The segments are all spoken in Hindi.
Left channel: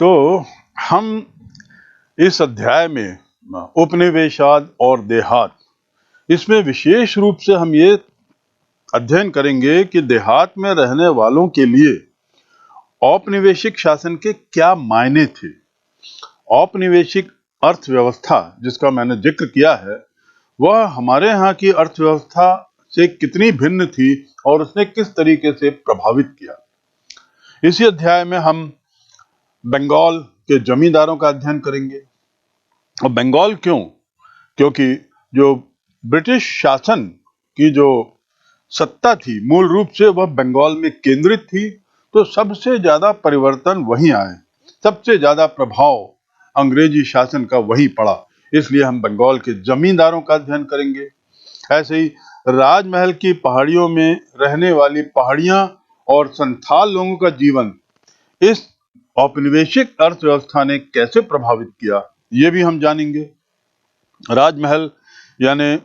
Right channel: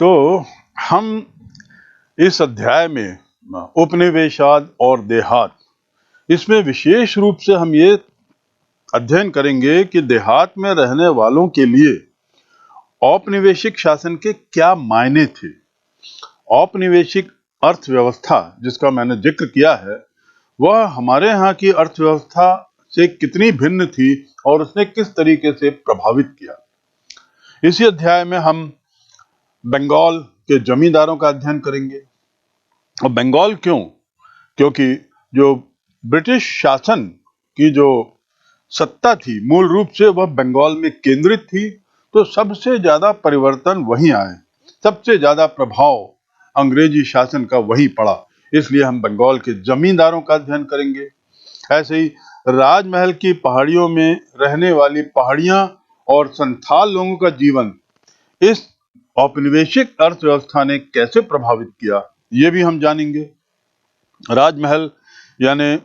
तो हम इस अध्याय में उपनिवेशवाद और देहात, इसमें विशेष रूप से हम ये अध्ययन करेंगे कि देहात में रहने वालों के लिए औपनिवेशिक शासन के क्या मायने थे। औपनिवेशिक अर्थव्यवस्था जिसका मैंने जिक्र किया है, वह हमारे यहाँ की अर्थव्यवस्था से कितनी भिन्न थी और उसने किस तरीके से प्रभावित किया। इसी अध्याय में हम बंगाल के जमींदारों का अध्ययन करेंगे। और बंगाल क्यों? क्योंकि जो ब्रिटिश शासन की जो सत्ता थी मूल रूप से वह बंगाल में केंद्रित थी, तो सबसे ज्यादा परिवर्तन वहीं आए, सबसे ज्यादा प्रभाव अंग्रेजी शासन का वहीं पड़ा। इसलिए हम बंगाल के जमींदारों का अध्ययन करेंगे। ऐसे ही राजमहल की पहाड़ियों में रहने वाली पहाड़ियां और संथाल लोगों का जीवन इस औपनिवेशिक अर्थव्यवस्था ने कैसे प्रभावित किया, ये भी हम जानेंगे। राजमहल यानी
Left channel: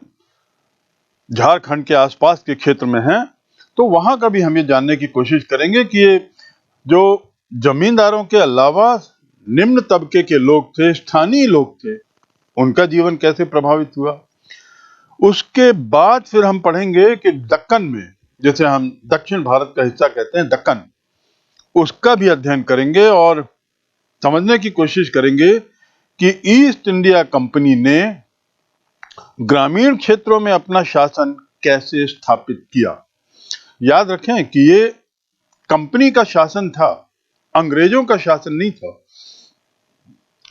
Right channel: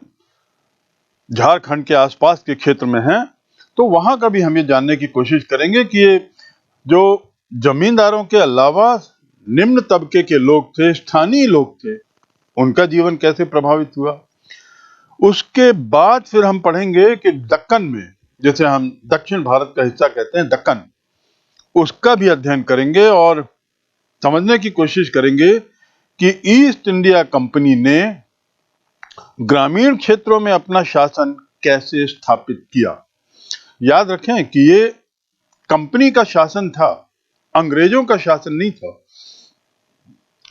झारखंड के आसपास के क्षेत्र में है, तो वहां का भी हम ये जानने की कोशिश करेंगे कि ये जो जमींदारों के अलावा निम्न तबके के लोग थे, स्थानीय लोग थे, उनका जीवन कैसे प्रभावित हुआ। उसके बाद फिर हम पढ़ेंगे कि दक्कन में, जैसे हम दक्षिण भारत का हिस्सा कहते हैं दक्कन, उसका भी अध्ययन करेंगे और समझने की कोशिश करेंगे कि ईस्ट इंडिया कंपनी ने ग्रामीण क्षेत्रों में अपना शासन कैसे स्थापित किया। याद रखें कि ये कंपनी का शासन था, अंग्रेजों का शासन नहीं था।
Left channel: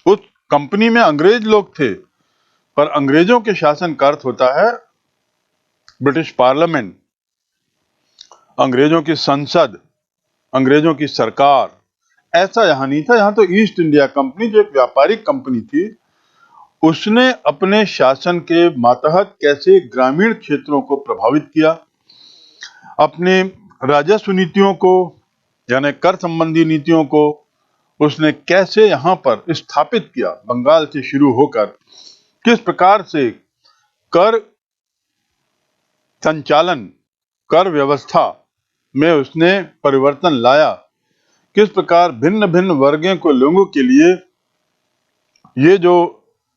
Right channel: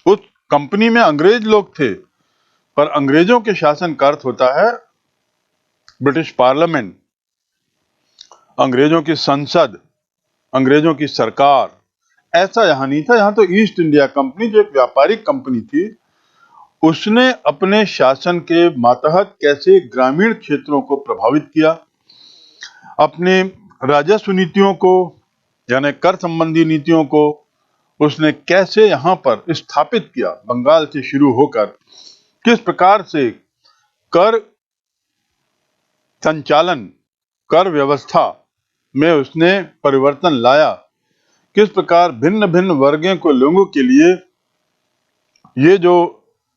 उस कंपनी में अंग्रेज लोग थे, पर अंग्रेजों के शासन का अर्थ होता है ब्रिटिश पार्लियामेंट, अंग्रेजों की संसद, अंग्रेजों की सरकार। ऐसा यहां नहीं था। यहां तो ईस्ट इंडिया कंपनी, जो एक व्यापारिक कंपनी थी, उसने अपने शासन के मातहत कैसे ग्रामीण क्षेत्रों को प्रभावित किया, अपने राजस्व नीतियों को यानी कर संबंधी नीतियों को उसने कैसे यहां पर स्थापित किया। बंगाल से शुरू होकर किस प्रकार से कर संचालन, कर व्यवस्था में उसने परिवर्तन लाया, किस प्रकार भिन्न भिन्न वर्गों को लोगों के लिए ये जो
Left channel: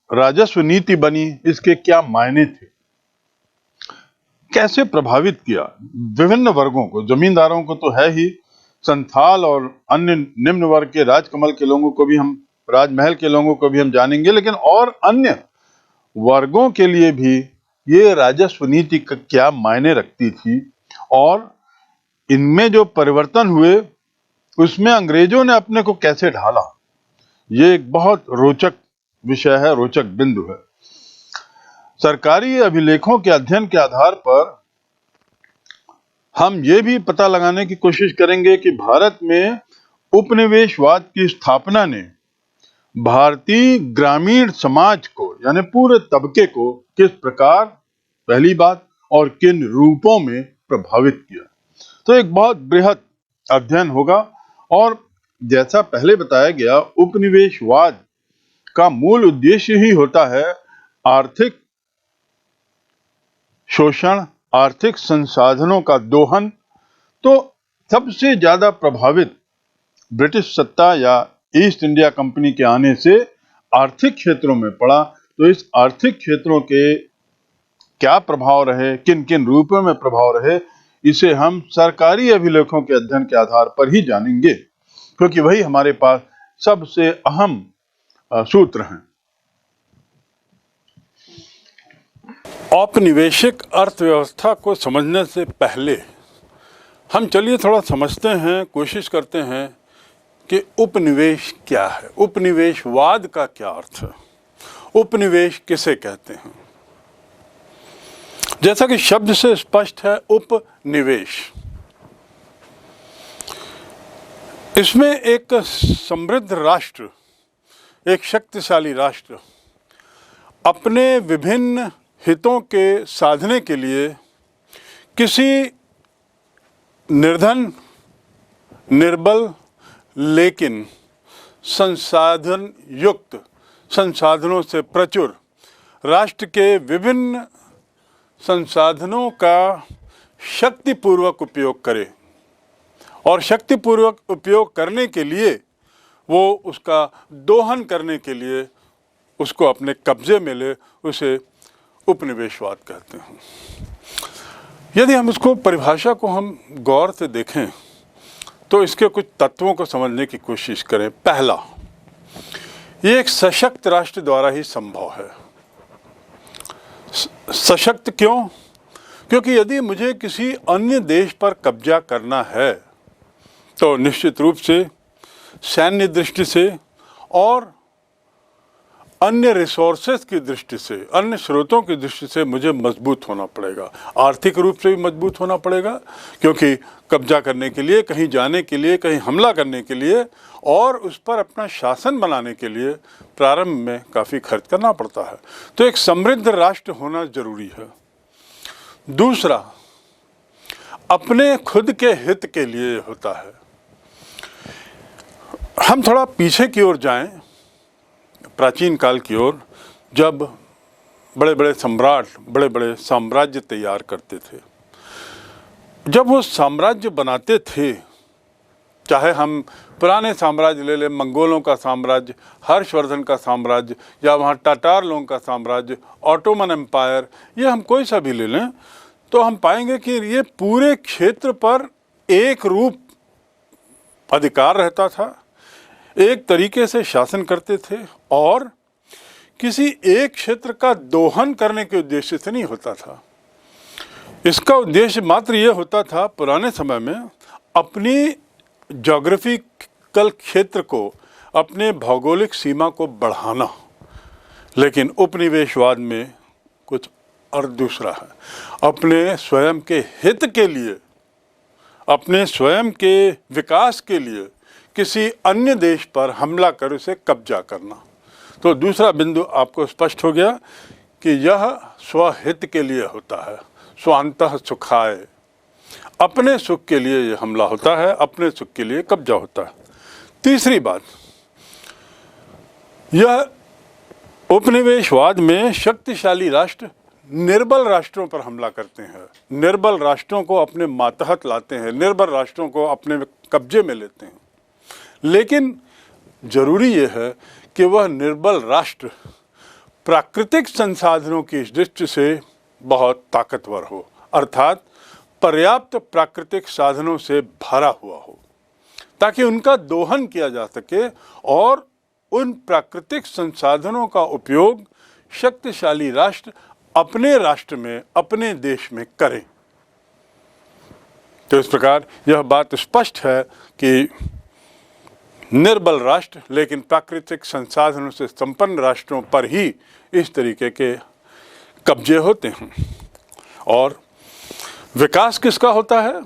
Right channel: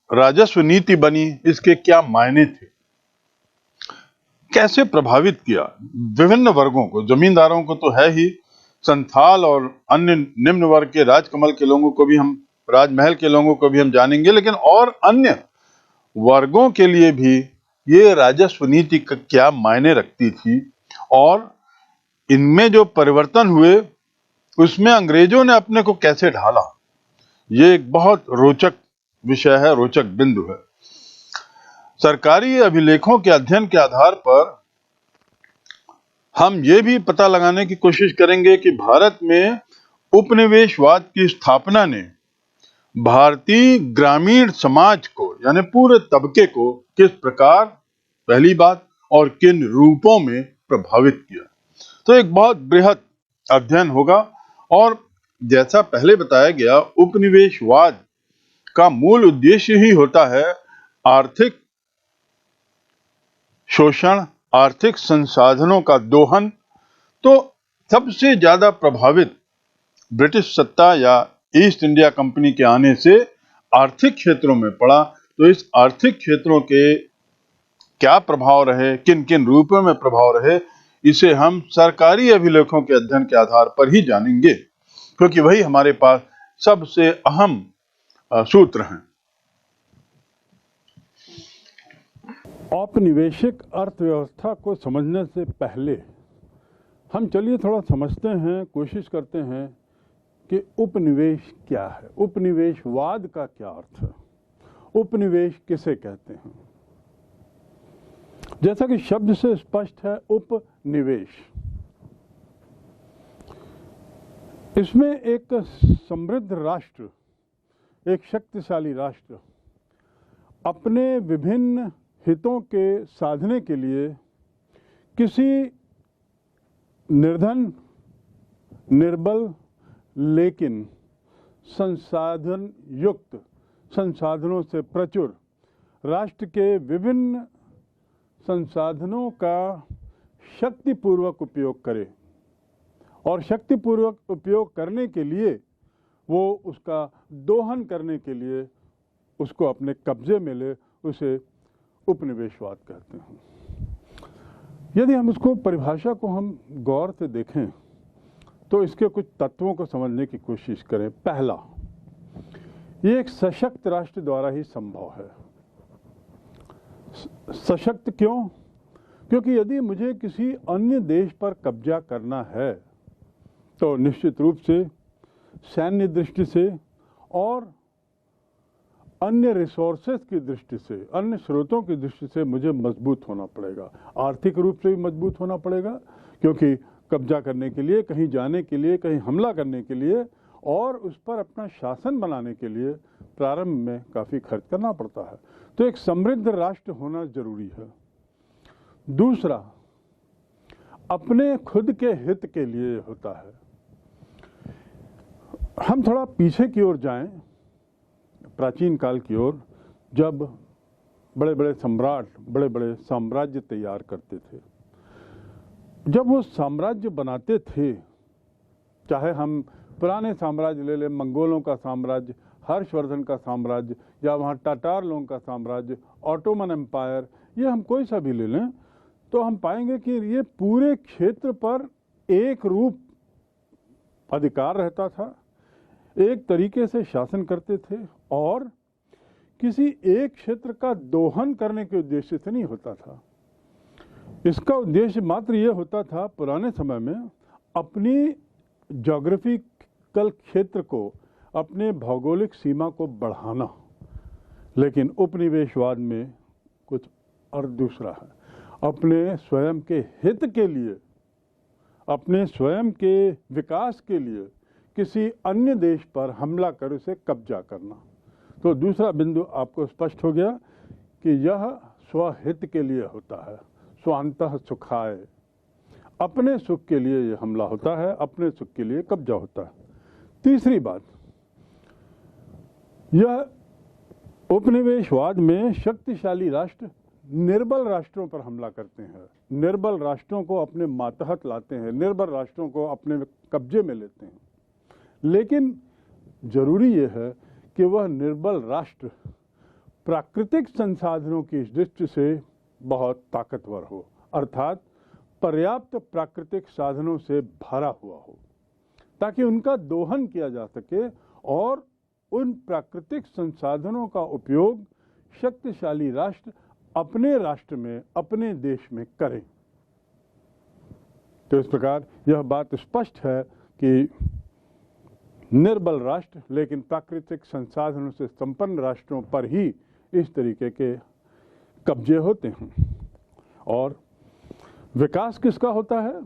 राजस्व नीति बनी, इसके क्या मायने थे, कैसे प्रभावित किया विभिन्न वर्गों को। जमींदारों को तो है ही, संथाल और अन्य निम्न वर्ग के राजकमल के लोगों को भी हम, राजमहल के लोगों को भी हम जानेंगे, लेकिन और अन्य वर्गों के लिए भी ये राजस्व नीति का क्या मायने रखती थी और इनमें जो परिवर्तन हुए उसमें अंग्रेजों ने अपने को कैसे ढाला। ये एक बहुत रोचक विषय है, रोचक बिंदु है। सरकारी अभिलेखों के अध्ययन के आधार पर हम ये भी पता लगाने की कोशिश करेंगे कि भारत में उपनिवेशवाद की स्थापना ने भारतीय ग्रामीण समाज को यानी पूरे तबके को किस प्रकार, पहली बात, और किन रूपों में प्रभावित किया। तो एक बहुत बृहद अध्ययन होगा। और जैसा पहले बताया गया, उपनिवेशवाद का मूल उद्देश्य ही होता है आर्थिक शोषण, आर्थिक संसाधनों का दोहन। तो सबसे ज्यादा प्रभावित ब्रिटिश सत्ता या ईस्ट इंडिया कंपनी के आने से आर्थिक क्षेत्रों में पड़ा। तो इस आर्थिक क्षेत्रों के क्या प्रभाव रहे, किन किन रूपों में प्रभाव रहे, इसे हम सरकारी अभिलेखों के अध्ययन के आधार पर ही जानेंगे, क्योंकि वही हमारे पास सबसे अहम सूत्र हैं। औपनिवेशिक अर्थव्यवस्था को समझने से पहले हम चलिए थोड़ा समझते हैं, कोशिश करते हैं कि उपनिवेश क्या है, उपनिवेशवाद का क्या अर्थ है, उपनिवेश किसे कहते हैं। जैसा कि शब्द से स्पष्ट है, उपनिवेश, इसमें एक समृद्ध राष्ट्र, एक शक्तिशाली राष्ट्र अपने विभिन्न हितों के साधने के लिए किसी निर्धन, निर्बल लेकिन संसाधन युक्त, संसाधनों से प्रचुर राष्ट्र के विभिन्न संसाधनों का शक्तिपूर्वक उपयोग करे और शक्तिपूर्वक उपयोग करने के लिए वो उसका दोहन करने के लिए उसको अपने कब्जे में ले, उसे उपनिवेशवाद कहते हैं। यदि हम उसको परिभाषा को हम गौर से देखें तो इसके कुछ तत्वों को समझने की कोशिश करें। पहला, ये एक सशक्त राष्ट्र द्वारा ही संभव है। सशक्त क्यों? क्योंकि यदि मुझे किसी अन्य देश पर कब्जा करना है तो निश्चित रूप से सैन्य दृष्टि से और अन्य रिसोर्सेज की दृष्टि से, अन्य स्रोतों की दृष्टि से मुझे मजबूत होना पड़ेगा। आर्थिक रूप से भी मजबूत होना पड़ेगा, क्योंकि कब्जा करने के लिए, कहीं जाने के लिए, कहीं हमला करने के लिए और उस पर अपना शासन बनाने के लिए प्रारंभ में काफ़ी खर्च करना पड़ता है। तो एक समृद्ध राष्ट्र होना जरूरी है। दूसरा, अपने खुद के हित के लिए होता है। हम थोड़ा पीछे की ओर जाएं, प्राचीन काल की ओर, जब बड़े बड़े सम्राट बड़े बड़े साम्राज्य तैयार करते थे, जब वो साम्राज्य बनाते थे, चाहे हम पुराने साम्राज्य ले लें, मंगोलों का साम्राज्य, हर्षवर्धन का साम्राज्य, या वहाँ टाटार लोगों का साम्राज्य, ऑटोमन एम्पायर, ये हम कोई सा भी ले लें, तो हम पाएंगे कि ये पूरे क्षेत्र पर एक रूप अधिकार रहता था, एक तरीके से शासन करते थे और किसी एक क्षेत्र का दोहन करने के उद्देश्य से नहीं होता था। इसका उद्देश्य मात्र ये होता था पुराने समय में अपनी ज्योग्राफिकल क्षेत्र को, अपने भौगोलिक सीमा को बढ़ाना। लेकिन उपनिवेशवाद में कुछ और दूसरा है। अपने स्वयं के हित के लिए, अपने स्वयं के विकास के लिए किसी अन्य देश पर हमला कर उसे कब्जा करना। तो दूसरा बिंदु आपको स्पष्ट हो गया कि यह स्वहित के लिए होता है, स्वांतः सुखाय, अपने सुख के लिए यह हमला होता है, अपने सुख के लिए कब्जा होता है। तीसरी बात, यह उपनिवेशवाद में शक्तिशाली राष्ट्र निर्बल राष्ट्रों पर हमला करते हैं, निर्बल राष्ट्रों को अपने मातहत लाते हैं, निर्बल राष्ट्रों को अपने कब्जे में लेते हैं। लेकिन जरूरी यह है कि वह निर्बल राष्ट्र प्राकृतिक संसाधनों की दृष्टि से बहुत ताकतवर हो, अर्थात पर्याप्त प्राकृतिक साधनों से भरा हुआ हो, ताकि उनका दोहन किया जा सके और उन प्राकृतिक संसाधनों का उपयोग शक्तिशाली राष्ट्र अपने राष्ट्र में, अपने देश में करें। तो इस प्रकार यह बात स्पष्ट है कि निर्बल राष्ट्र लेकिन प्राकृतिक संसाधनों से संपन्न राष्ट्रों पर ही इस तरीके के कब्जे होते हैं। और विकास किसका होता है?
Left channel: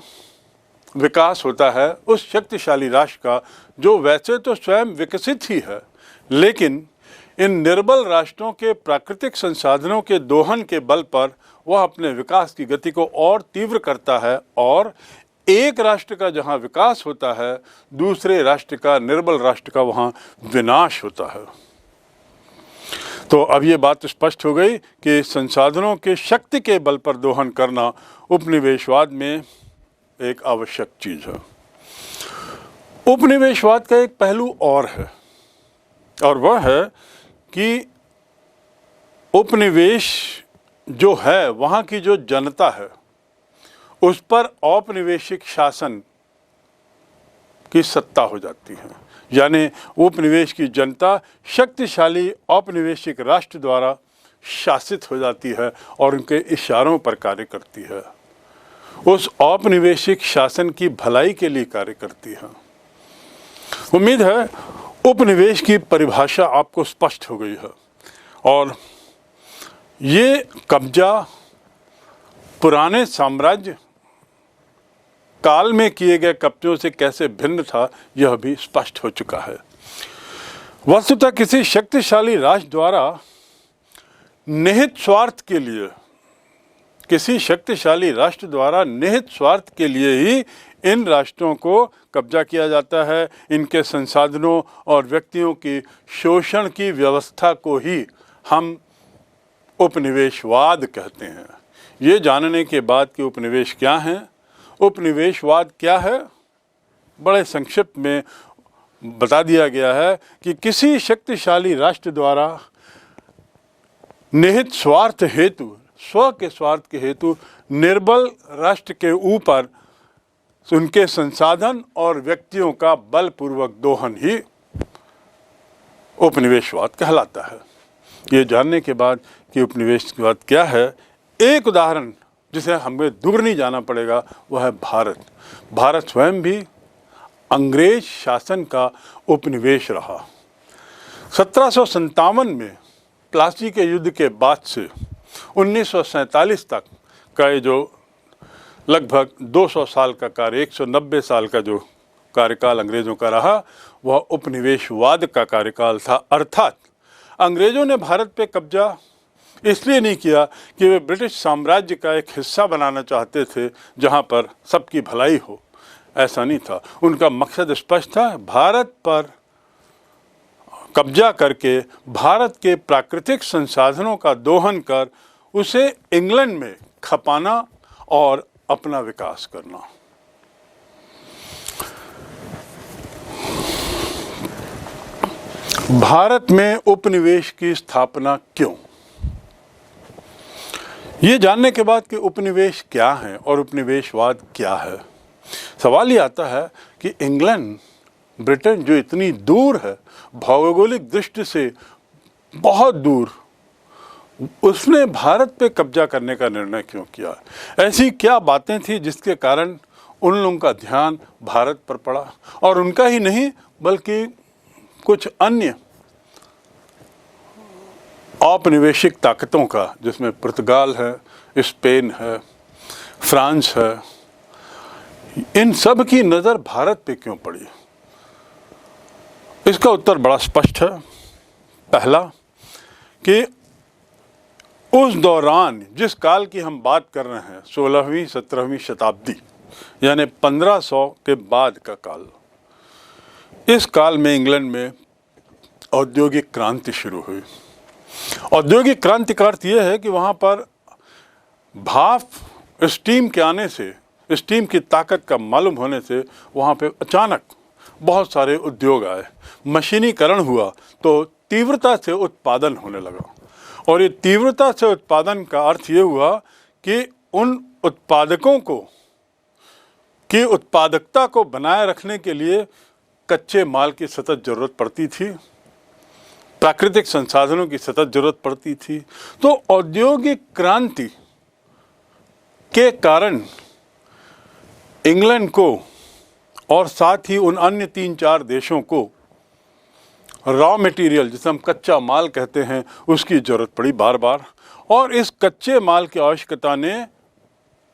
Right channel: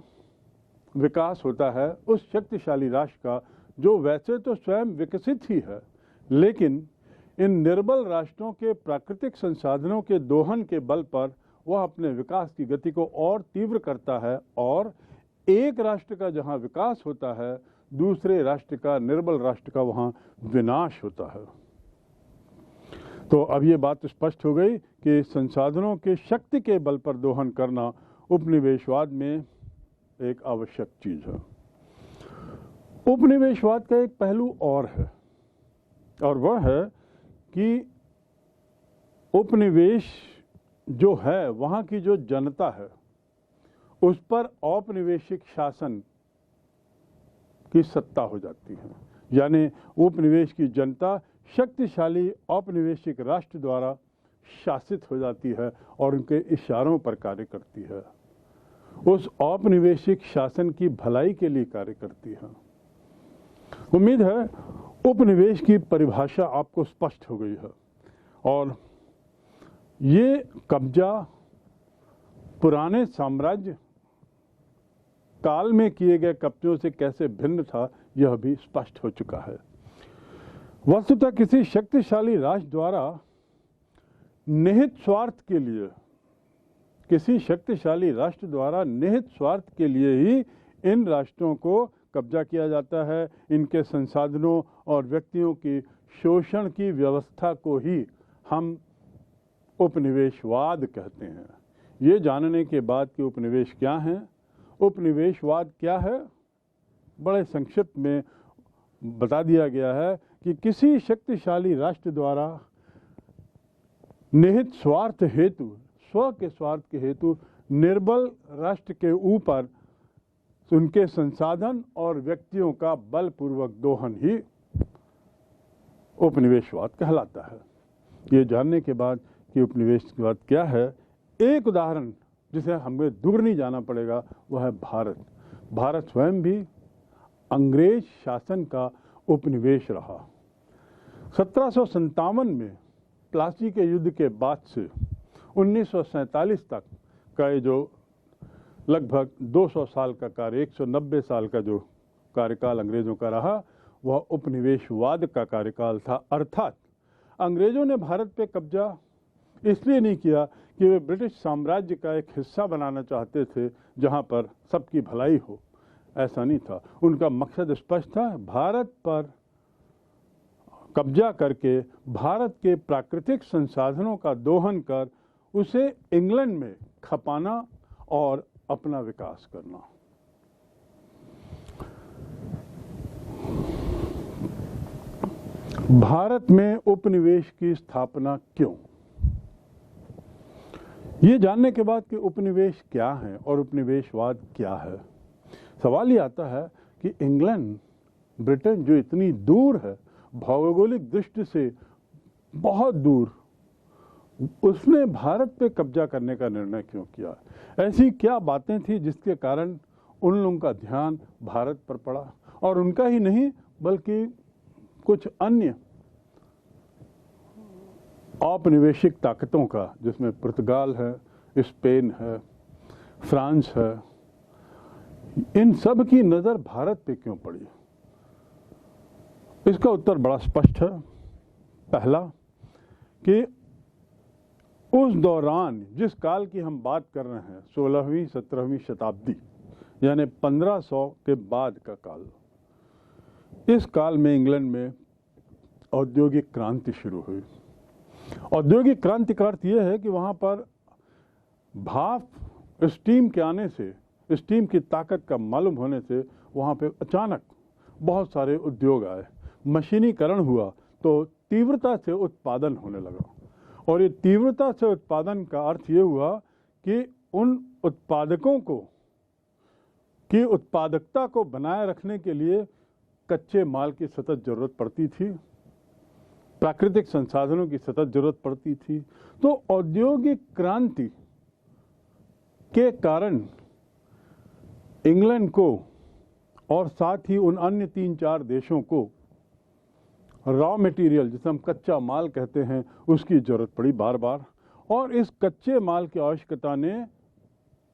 विकास होता है उस शक्तिशाली राष्ट्र का जो वैसे तो स्वयं विकसित ही है, लेकिन इन निर्बल राष्ट्रों के प्राकृतिक संसाधनों के दोहन के बल पर वह अपने विकास की गति को और तीव्र करता है, और एक राष्ट्र का जहां विकास होता है, दूसरे राष्ट्र का, निर्बल राष्ट्र का, वहां विनाश होता है। तो अब ये बात स्पष्ट हो गई कि संसाधनों के शक्ति के बल पर दोहन करना उपनिवेशवाद में एक आवश्यक चीज है। उपनिवेशवाद का एक पहलू और है, और वह है कि उपनिवेश जो है, वहाँ की जो जनता है, उस पर औपनिवेशिक शासन की सत्ता हो जाती है। यानी उपनिवेश की जनता शक्तिशाली औपनिवेशिक राष्ट्र द्वारा शासित हो जाती है और उनके इशारों पर कार्य करती है, उस औपनिवेशिक शासन की भलाई के लिए कार्य करती है। उम्मीद है उपनिवेश की परिभाषा आपको स्पष्ट हो गई है, और ये कब्जा पुराने साम्राज्य काल में किए गए कब्जों से कैसे भिन्न था, यह भी स्पष्ट हो चुका है। वस्तुतः किसी शक्तिशाली राष्ट्र द्वारा निहित स्वार्थ के लिए, किसी शक्तिशाली राष्ट्र द्वारा निहित स्वार्थ के लिए ही इन राष्ट्रों को कब्जा किया जाता है। इनके संसाधनों और व्यक्तियों की शोषण की व्यवस्था को ही हम उपनिवेशवाद कहते हैं। ये जानने के बाद कि उपनिवेश क्या है, उपनिवेशवाद क्या है, बड़े संक्षिप्त में बता दिया गया है कि किसी शक्तिशाली राष्ट्र द्वारा निहित स्वार्थ हेतु, स्व के स्वार्थ के हेतु निर्बल राष्ट्र के ऊपर उनके संसाधन और व्यक्तियों का बलपूर्वक दोहन ही उपनिवेशवाद कहलाता है। ये जानने के बाद कि उपनिवेशवाद क्या है, एक उदाहरण जिसे हमें दूर नहीं जाना पड़ेगा वह है भारत। भारत स्वयं भी अंग्रेज शासन का उपनिवेश रहा। 1757 में प्लासी के युद्ध के बाद से 1947 तक का ये जो लगभग 200 साल का कार्य, 190 साल का जो कार्यकाल अंग्रेज़ों का रहा, वह उपनिवेशवाद का कार्यकाल था। अर्थात अंग्रेज़ों ने भारत पे कब्जा इसलिए नहीं किया कि वे ब्रिटिश साम्राज्य का एक हिस्सा बनाना चाहते थे जहाँ पर सबकी भलाई हो, ऐसा नहीं था। उनका मकसद स्पष्ट था, भारत पर कब्जा करके भारत के प्राकृतिक संसाधनों का दोहन कर उसे इंग्लैंड में खपाना और अपना विकास करना। भारत में उपनिवेश की स्थापना क्यों? ये जानने के बाद कि उपनिवेश क्या है और उपनिवेशवाद क्या है, सवाल ये आता है कि इंग्लैंड, ब्रिटेन जो इतनी दूर है, भौगोलिक दृष्टि से बहुत दूर, उसने भारत पे कब्जा करने का निर्णय क्यों किया? ऐसी क्या बातें थी जिसके कारण उन लोगों का ध्यान भारत पर पड़ा? और उनका ही नहीं बल्कि कुछ अन्य औपनिवेशिक ताकतों का, जिसमें पुर्तगाल है, स्पेन है, फ्रांस है, इन सब की नज़र भारत पे क्यों पड़ी? इसका उत्तर बड़ा स्पष्ट है। पहला कि उस दौरान जिस काल की हम बात कर रहे हैं, 16वीं 17वीं शताब्दी, यानी 1500 के बाद का काल, इस काल में इंग्लैंड में औद्योगिक क्रांति शुरू हुई। औद्योगिक क्रांति का अर्थ यह है कि वहाँ पर भाप, स्टीम के आने से, स्टीम की ताकत का मालूम होने से वहाँ पे अचानक बहुत सारे उद्योग आए, मशीनीकरण हुआ, तो तीव्रता से उत्पादन होने लगा। और ये तीव्रता से उत्पादन का अर्थ ये हुआ कि उन उत्पादकों को की उत्पादकता को बनाए रखने के लिए कच्चे माल की सतत ज़रूरत पड़ती थी, प्राकृतिक संसाधनों की सतत ज़रूरत पड़ती थी। तो औद्योगिक क्रांति के कारण इंग्लैंड को और साथ ही उन अन्य 3-4 देशों को रॉ मटेरियल, जिसे हम कच्चा माल कहते हैं, उसकी ज़रूरत पड़ी बार बार। और इस कच्चे माल की आवश्यकता ने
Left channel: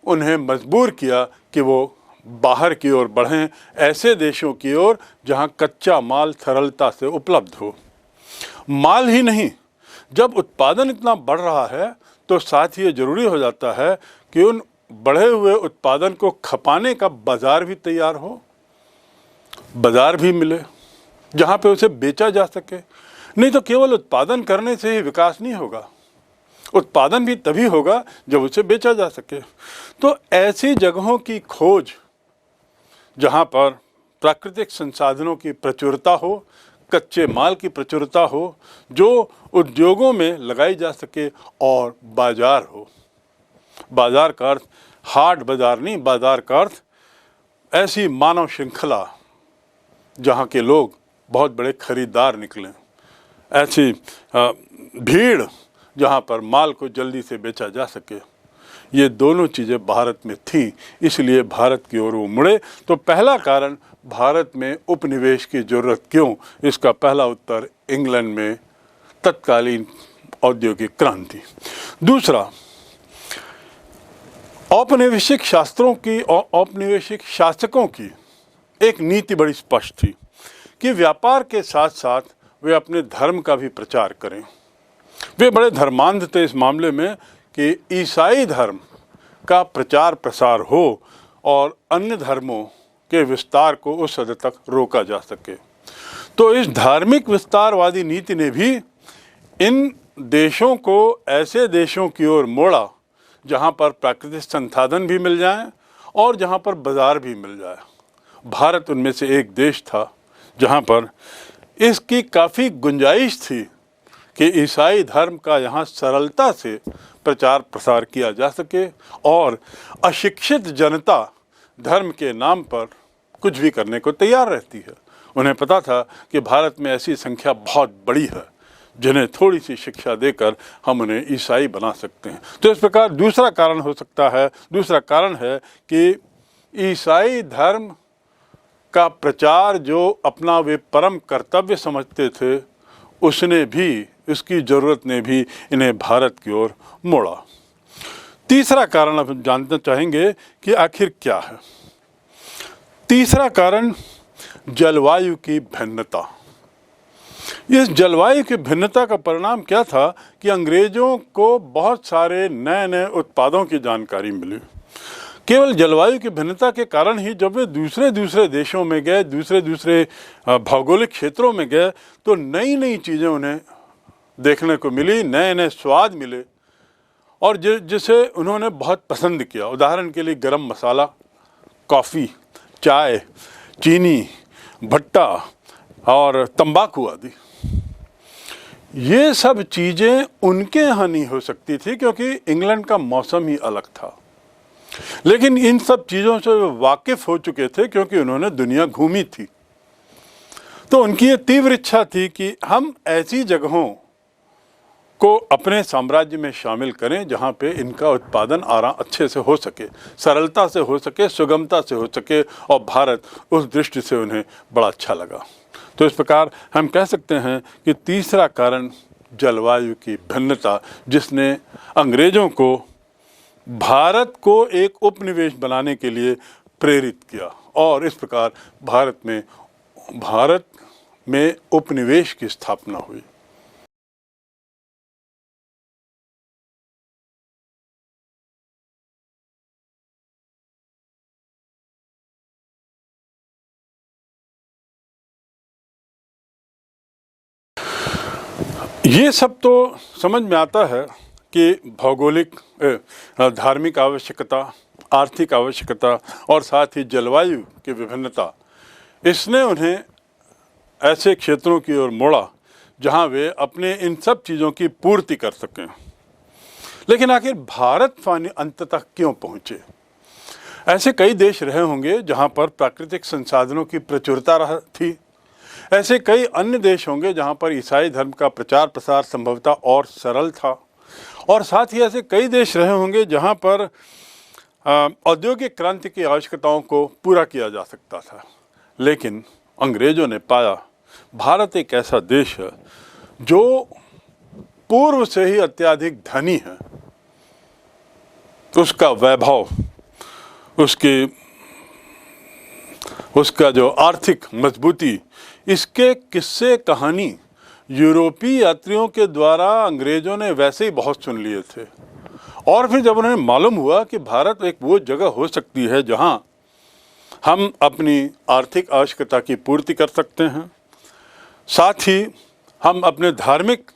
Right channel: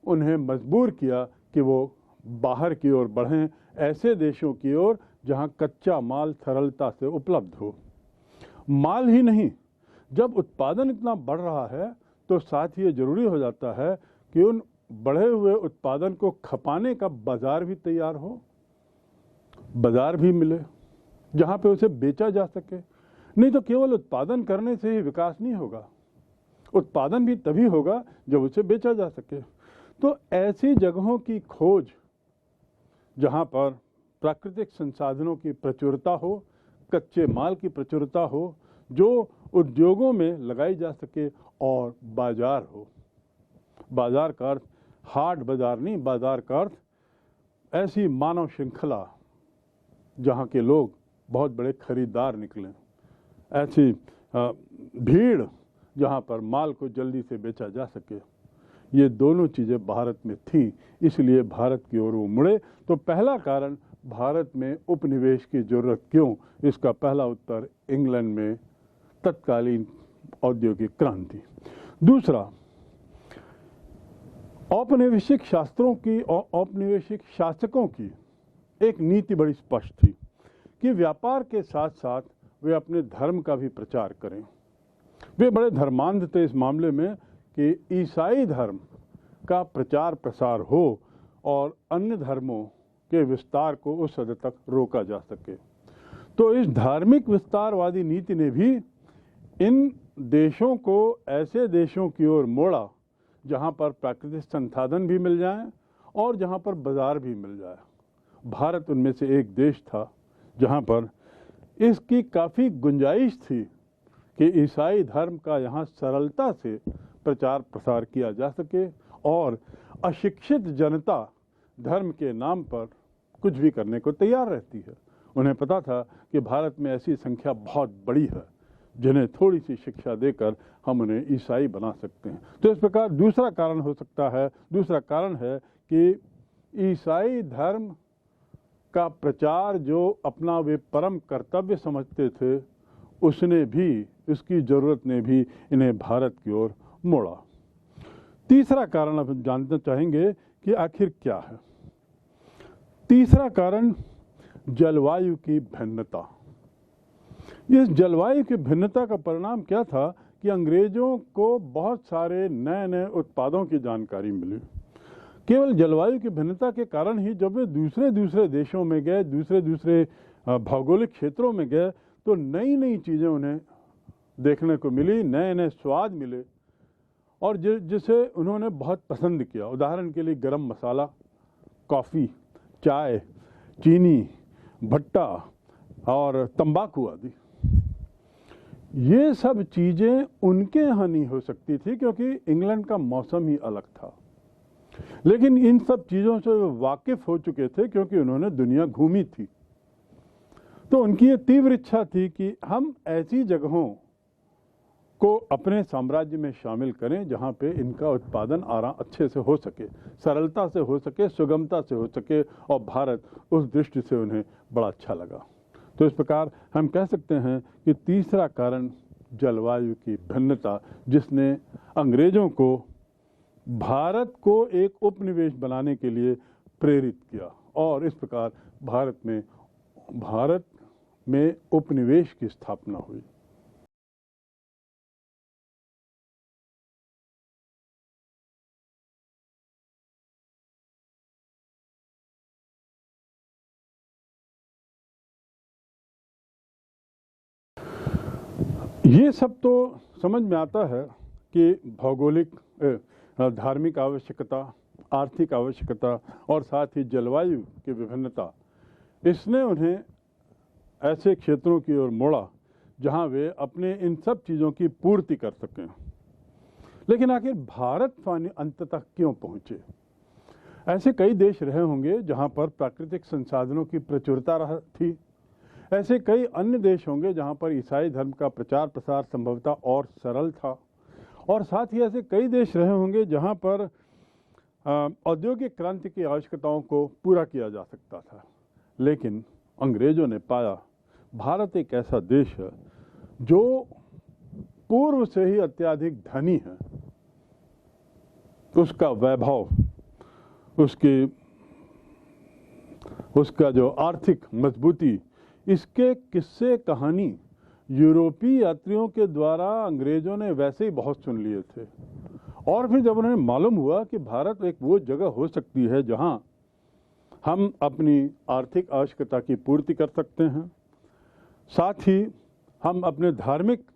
उन्हें मजबूर किया कि वो बाहर की ओर बढ़ें, ऐसे देशों की ओर जहां कच्चा माल सरलता से उपलब्ध हो। माल ही नहीं, जब उत्पादन इतना बढ़ रहा है तो साथ ही ये ज़रूरी हो जाता है कि उन बढ़े हुए उत्पादन को खपाने का बाज़ार भी तैयार हो, बाज़ार भी मिले जहाँ पे उसे बेचा जा सके। नहीं तो केवल उत्पादन करने से ही विकास नहीं होगा, उत्पादन भी तभी होगा जब उसे बेचा जा सके। तो ऐसी जगहों की खोज जहाँ पर प्राकृतिक संसाधनों की प्रचुरता हो, कच्चे माल की प्रचुरता हो, जो उद्योगों में लगाई जा सके, और बाज़ार हो। बाज़ार का अर्थ हाट बाज़ार नहीं, बाज़ार का अर्थ ऐसी मानव श्रृंखला जहाँ के लोग बहुत बड़े खरीदार निकलें, ऐसी भीड़ जहाँ पर माल को जल्दी से बेचा जा सके। ये दोनों चीज़ें भारत में थीं, इसलिए भारत की ओर वो मुड़े। तो पहला कारण भारत में उपनिवेश की ज़रूरत क्यों, इसका पहला उत्तर इंग्लैंड में तत्कालीन औद्योगिक क्रांति। दूसरा, औपनिवेशिक शास्त्रों की और औपनिवेशिक शासकों की एक नीति बड़ी स्पष्ट थी कि व्यापार के साथ साथ वे अपने धर्म का भी प्रचार करें। वे बड़े धर्मांध थे इस मामले में कि ईसाई धर्म का प्रचार प्रसार हो और अन्य धर्मों के विस्तार को उस हद तक रोका जा सके। तो इस धार्मिक विस्तारवादी नीति ने भी इन देशों को ऐसे देशों की ओर मोड़ा जहाँ पर प्राकृतिक संसाधन भी मिल जाएं और जहाँ पर बाज़ार भी मिल जाए। भारत उनमें से एक देश था जहाँ पर इसकी काफ़ी गुंजाइश थी कि ईसाई धर्म का यहाँ सरलता से प्रचार प्रसार किया जा सके और अशिक्षित जनता धर्म के नाम पर कुछ भी करने को तैयार रहती है। उन्हें पता था कि भारत में ऐसी संख्या बहुत बड़ी है जिन्हें थोड़ी सी शिक्षा देकर हम उन्हें ईसाई बना सकते हैं। तो इस प्रकार दूसरा कारण है कि ईसाई धर्म का प्रचार जो अपना वे परम कर्तव्य समझते थे, उसकी ज़रूरत ने भी इन्हें भारत की ओर मोड़ा। तीसरा कारण अब हम जानना चाहेंगे कि आखिर क्या है। तीसरा कारण जलवायु की भिन्नता। इस जलवायु की भिन्नता का परिणाम क्या था कि अंग्रेज़ों को बहुत सारे नए नए उत्पादों की जानकारी मिली। केवल जलवायु की भिन्नता के कारण ही जब वे दूसरे देशों में गए, दूसरे भौगोलिक क्षेत्रों में गए, तो नई नई चीज़ें उन्हें देखने को मिली, नए नए स्वाद मिले और जिसे उन्होंने बहुत पसंद किया। उदाहरण के लिए गरम मसाला, कॉफ़ी, चाय, चीनी, भट्टा और तंबाकू आदि। ये सब चीज़ें उनके यहाँ नहीं हो सकती थी क्योंकि इंग्लैंड का मौसम ही अलग था। लेकिन इन सब चीज़ों से वे वाकिफ़ हो चुके थे क्योंकि उन्होंने दुनिया घूमी थी। तो उनकी ये तीव्र इच्छा थी कि हम ऐसी जगहों को अपने साम्राज्य में शामिल करें जहाँ पे इनका उत्पादन अच्छे से हो सके, सरलता से हो सके, सुगमता से हो सके, और भारत उस दृष्टि से उन्हें बड़ा अच्छा लगा। तो इस प्रकार हम कह सकते हैं कि तीसरा कारण जलवायु की भिन्नता, जिसने अंग्रेज़ों को भारत को एक उपनिवेश बनाने के लिए प्रेरित किया और इस प्रकार भारत में उपनिवेश की स्थापना हुई। ये सब तो समझ में आता है कि भौगोलिक धार्मिक आवश्यकता, आर्थिक आवश्यकता और साथ ही जलवायु की विभिन्नता, इसने उन्हें ऐसे क्षेत्रों की ओर मोड़ा जहां वे अपने इन सब चीज़ों की पूर्ति कर सकें। लेकिन आखिर भारत अंततः क्यों पहुँचे? ऐसे कई देश रहे होंगे जहां पर प्राकृतिक संसाधनों की प्रचुरता थी। ऐसे कई अन्य देश होंगे जहां पर ईसाई धर्म का प्रचार प्रसार संभवतः और सरल था, और साथ ही ऐसे कई देश रहे होंगे जहां पर औद्योगिक क्रांति की आवश्यकताओं को पूरा किया जा सकता था। लेकिन अंग्रेज़ों ने पाया भारत एक ऐसा देश है जो पूर्व से ही अत्यधिक धनी है। उसका वैभव, उसका जो आर्थिक मजबूती, इसके किस्से कहानी यूरोपीय यात्रियों के द्वारा अंग्रेज़ों ने वैसे ही बहुत सुन लिए थे। और फिर जब उन्हें मालूम हुआ कि भारत एक वो जगह हो सकती है जहां हम अपनी आर्थिक आवश्यकता की पूर्ति कर सकते हैं, साथ ही हम अपने धार्मिक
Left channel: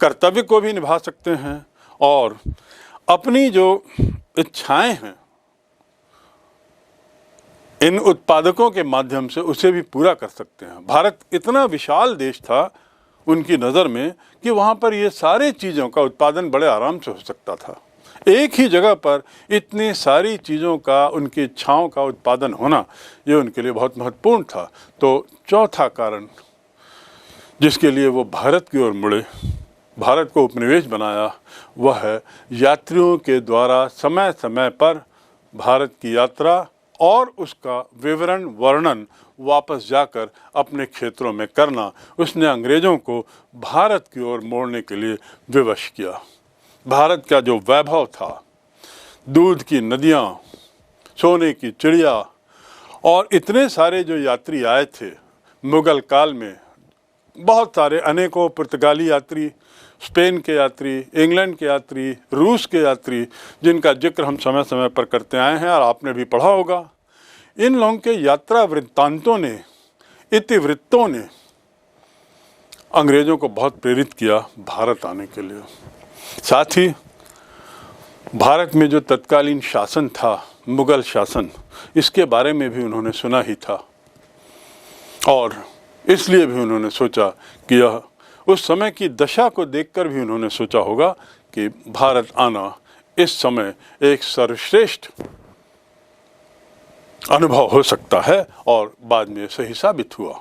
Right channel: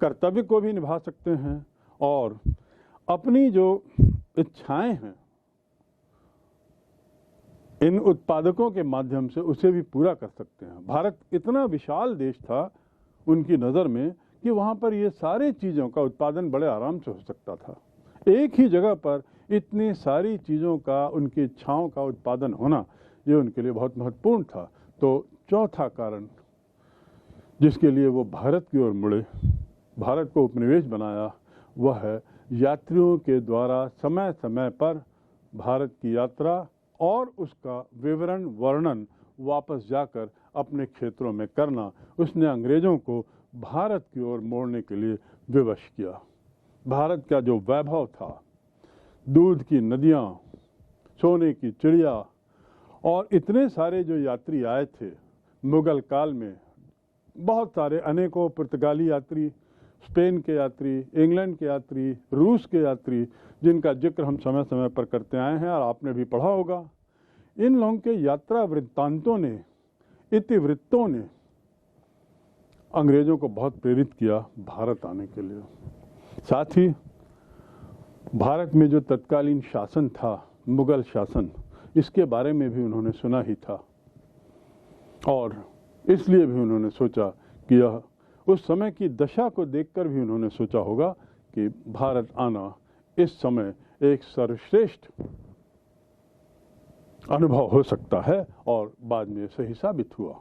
कर्तव्य को भी निभा सकते हैं और अपनी जो इच्छाएं हैं इन उत्पादकों के माध्यम से उसे भी पूरा कर सकते हैं। भारत इतना विशाल देश था उनकी नज़र में कि वहाँ पर ये सारी चीज़ों का उत्पादन बड़े आराम से हो सकता था। एक ही जगह पर इतनी सारी चीज़ों का, उनकी इच्छाओं का उत्पादन होना, ये उनके लिए बहुत महत्वपूर्ण था। तो चौथा कारण जिसके लिए वो भारत की ओर मुड़े, भारत को उपनिवेश बनाया, वह है यात्रियों के द्वारा समय समय पर भारत की यात्रा और उसका विवरण वर्णन वापस जाकर अपने क्षेत्रों में करना। उसने अंग्रेज़ों को भारत की ओर मोड़ने के लिए विवश किया। भारत का जो वैभव था, दूध की नदियाँ, सोने की चिड़िया, और इतने सारे जो यात्री आए थे मुग़ल काल में, बहुत सारे अनेकों पुर्तगाली यात्री, स्पेन के यात्री, इंग्लैंड के यात्री, रूस के यात्री, जिनका जिक्र हम समय समय पर करते आए हैं और आपने भी पढ़ा होगा। इन लोगों के यात्रा वृत्तांतों ने, इतिवृत्तों ने अंग्रेज़ों को बहुत प्रेरित किया भारत आने के लिए। साथ ही भारत में जो तत्कालीन शासन था, मुग़ल शासन, इसके बारे में भी उन्होंने सुना ही था। और इसलिए भी उन्होंने सोचा कि यह उस समय की दशा को देखकर भी उन्होंने सोचा होगा कि भारत आना इस समय एक सर्वश्रेष्ठ अनुभव हो सकता है, और बाद में सही साबित हुआ।